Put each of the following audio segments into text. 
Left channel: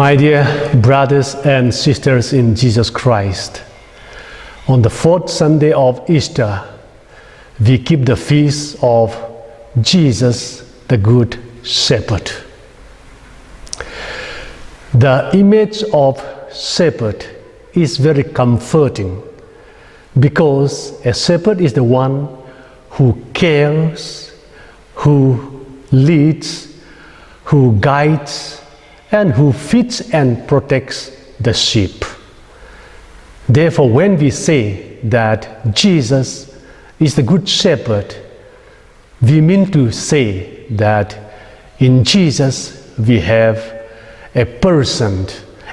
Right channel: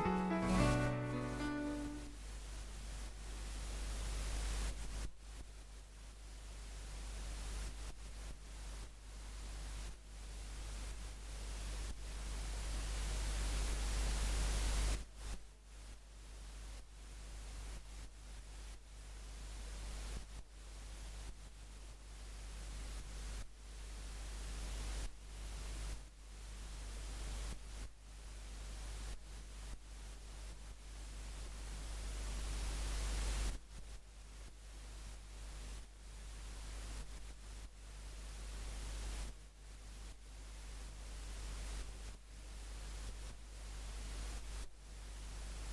My dear brothers and sisters in Jesus Christ, on the fourth Sunday of Easter, we keep the feast of Jesus, the Good Shepherd. The image of shepherd is very comforting because a shepherd is the one who cares, who leads, who guides, and who feeds and protects the sheep. Therefore, when we say that Jesus is the Good Shepherd, we mean to say that in Jesus we have a person,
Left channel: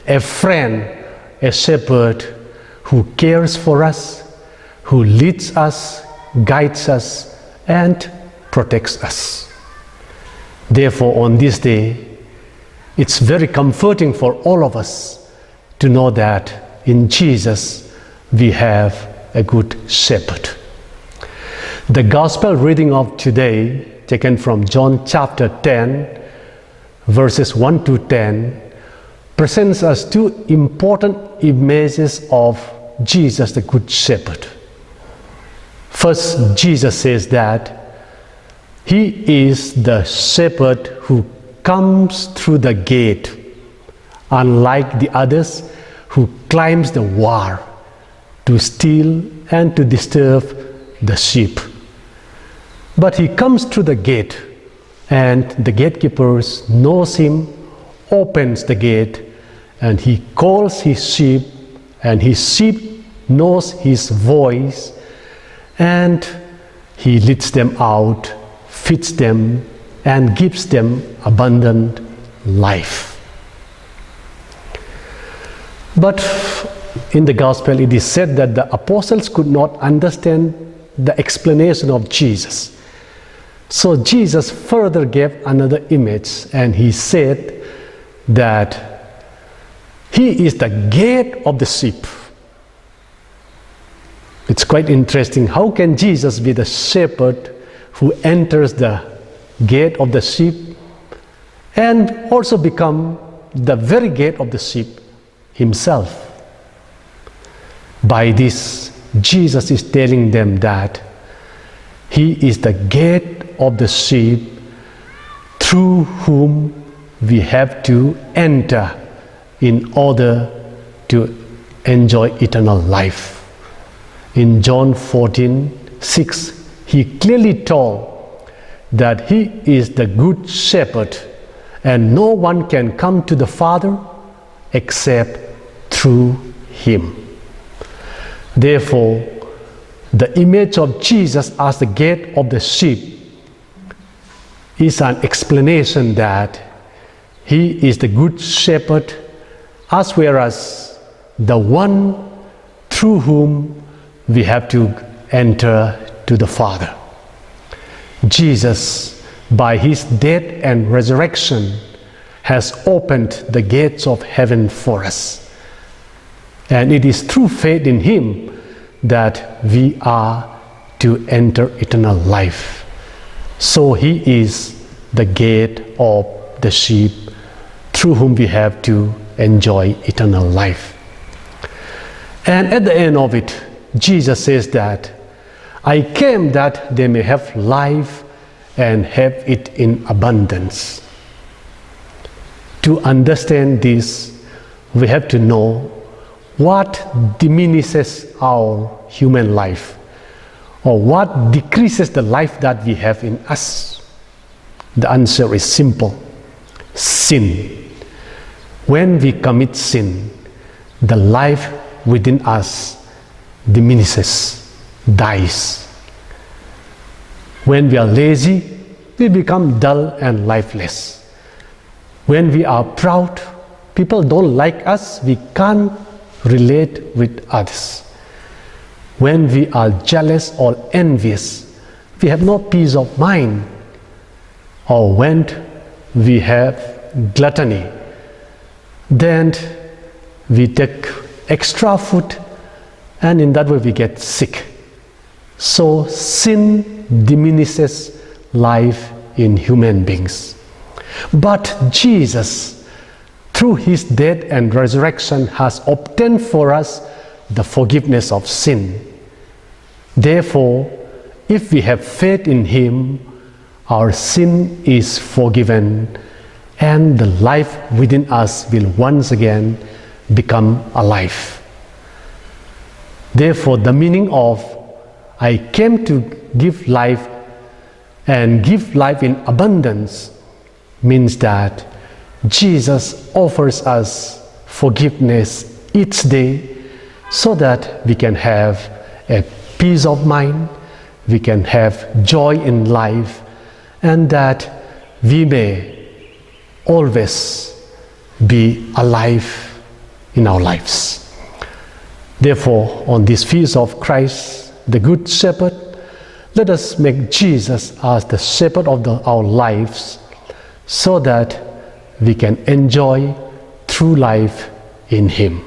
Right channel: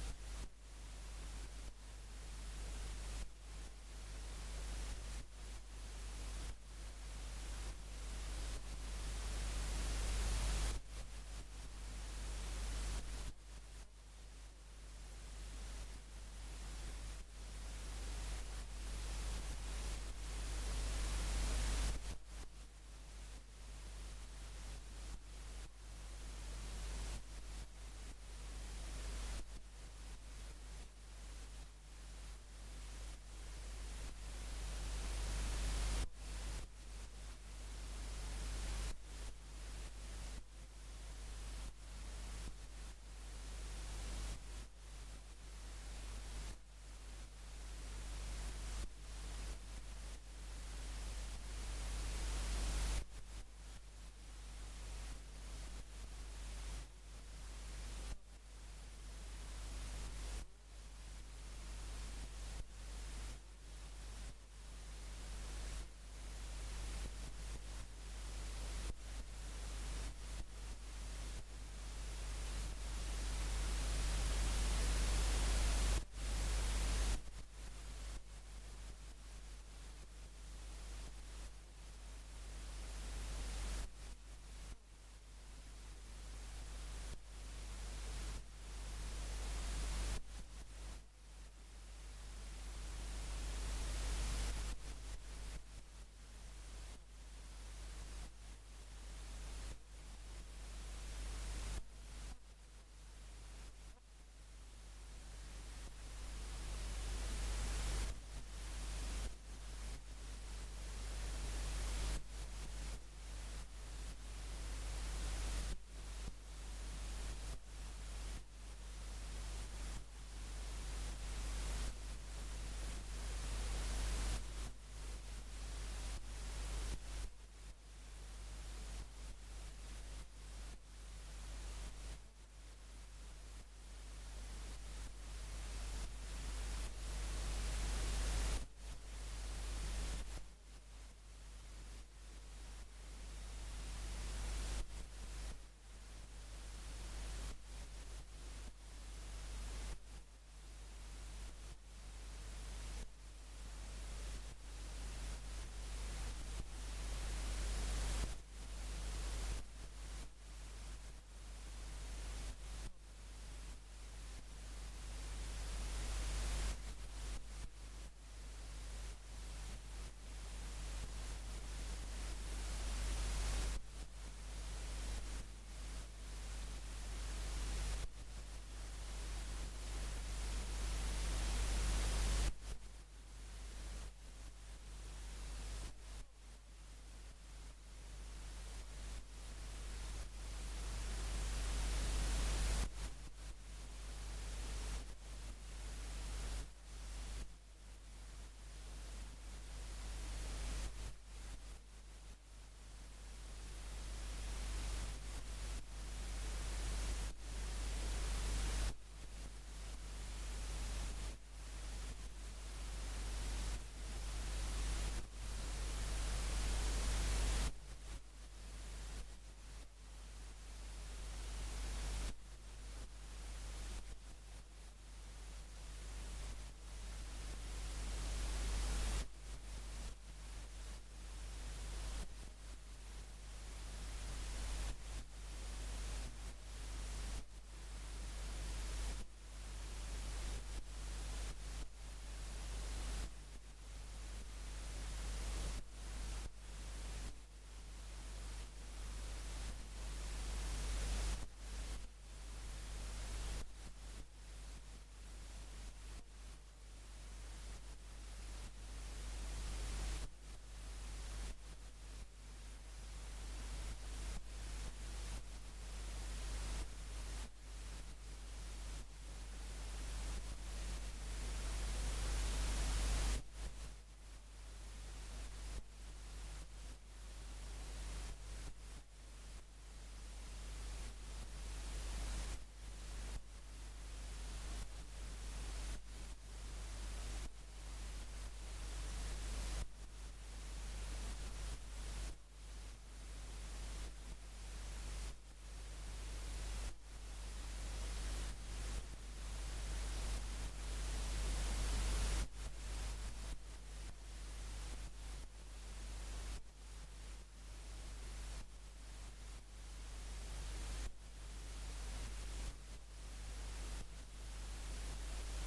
a friend, a shepherd who cares for us, who leads us, guides us, and protects us. Therefore, on this day, it's very comforting for all of us to know that in Jesus we have a good shepherd. The gospel reading of today, taken from John chapter 10, verses 1 to 10, presents us two important images of Jesus, the Good Shepherd. First, Jesus says that He is the shepherd who comes through the gate, unlike the others who climbs the wall to steal and to disturb the sheep. But He comes through the gate, and the gatekeepers knows Him, opens the gate, and He calls His sheep, and His sheep knows His voice, and He leads them out, feeds them, and gives them abundant life. But in the gospel it is said that the apostles could not understand the explanation of Jesus. So Jesus further gave another image, and He said that He is the gate of the sheep. It's quite interesting. How can Jesus be the shepherd who enters the gate of the sheep and also become the very gate of the sheep Himself? By this, Jesus is telling them that He is the gate of the sheep through whom we have to enter in order to enjoy eternal life. In John 14:6, He clearly told that He is the Good Shepherd, and no one can come to the Father except through Him. Therefore, the image of Jesus as the gate of the sheep is an explanation that He is the Good Shepherd, as well as the one through whom we have to enter to the Father. Jesus, by His death and resurrection, has opened the gates of heaven for us. And it is through faith in Him that we are to enter eternal life. So He is the gate of the sheep through whom we have to enjoy eternal life. And at the end of it, Jesus says that I came that they may have life and have it in abundance. To understand this, we have to know what diminishes our human life, or what decreases the life that we have in us. The answer is simple: sin. When we commit sin, the life within us diminishes, dies. When we are lazy, we become dull and lifeless. When we are proud, people don't like us, we can't relate with others. When we are jealous or envious, we have no peace of mind. Or when we have gluttony, then we take extra food, and in that way we get sick. So sin diminishes life in human beings. But Jesus, through his death and resurrection has obtained for us the forgiveness of sin. Therefore, if we have faith in him, our sin is forgiven, and the life within us will once again become alive. Therefore, the meaning of I came to give life and give life in abundance means that Jesus offers us forgiveness each day so that we can have a peace of mind, we can have joy in life, and that we may always be alive in our lives. Therefore, on this feast of Christ, the Good Shepherd, let us make Jesus as the shepherd of our lives so that we can enjoy true life in him.